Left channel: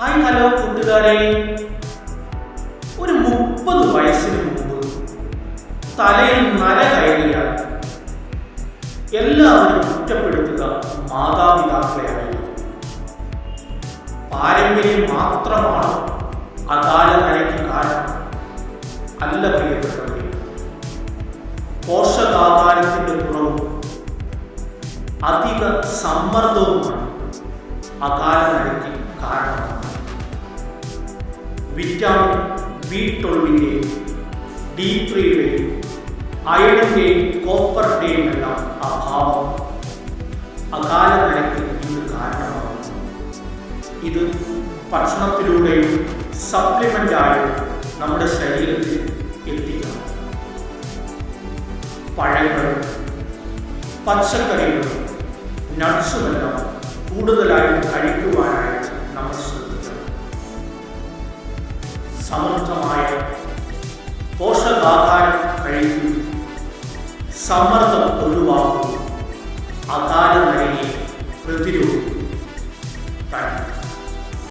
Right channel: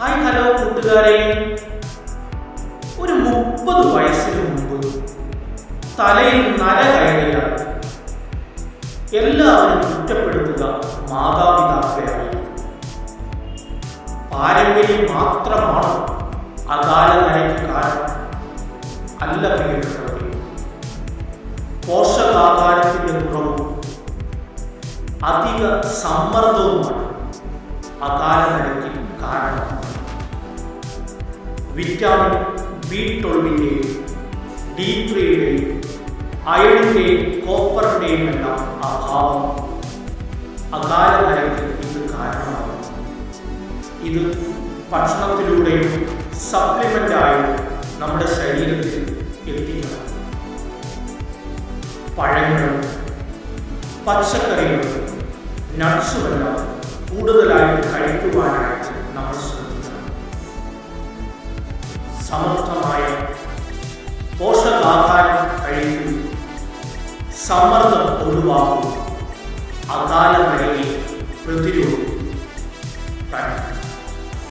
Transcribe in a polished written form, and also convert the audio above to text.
Hi hello കൂട്ടുകാരെ, ഒരു 30 വയസ്സിന് മുമ്പ് തലയിൽ നര കയറിയാൽ എല്ലാവരും കുറ്റപ്പെടുത്തുക മാതാപിതാക്കളെയായിരുന്നു. പാരമ്പര്യം മാത്രമാണോ അകാല നരയ്ക്ക് കാരണം? അല്ല പ്രിയപ്പെട്ടവരെ, പോഷകാഹാരത്തിൻ്റെ കുറവും അധിക സമ്മർദ്ദവുമാണ് അകാല നരയ്ക്ക് കാരണമാകുന്നത്. വിറ്റാമിൻ B12-ൻ്റെയും D3-യുടെയും അയണിൻ്റെയും കോപ്പറിൻ്റെയും എല്ലാം അഭാവം അകാല നരയ്ക്ക് ഇന്ന് കാരണമാകുന്നു. ഇത് ഭക്ഷണത്തിലൂടെയും സപ്ലിമെൻ്റായും നമ്മുടെ ശരീരത്തിൽ എത്തിക്കണം. പഴങ്ങളും പച്ചക്കറികളും നട്ട്സുമെല്ലാം കൂടുതലായിട്ട് കഴിക്കുവാനായിട്ട് നമ്മൾ ശ്രദ്ധിക്കണം. സമൃദ്ധമായ പോഷകാഹാരം കഴിക്കും, സമ്മർദ്ദം ഒഴിവാക്കും, അകാല നരയെ പ്രതിരോധിക്കും.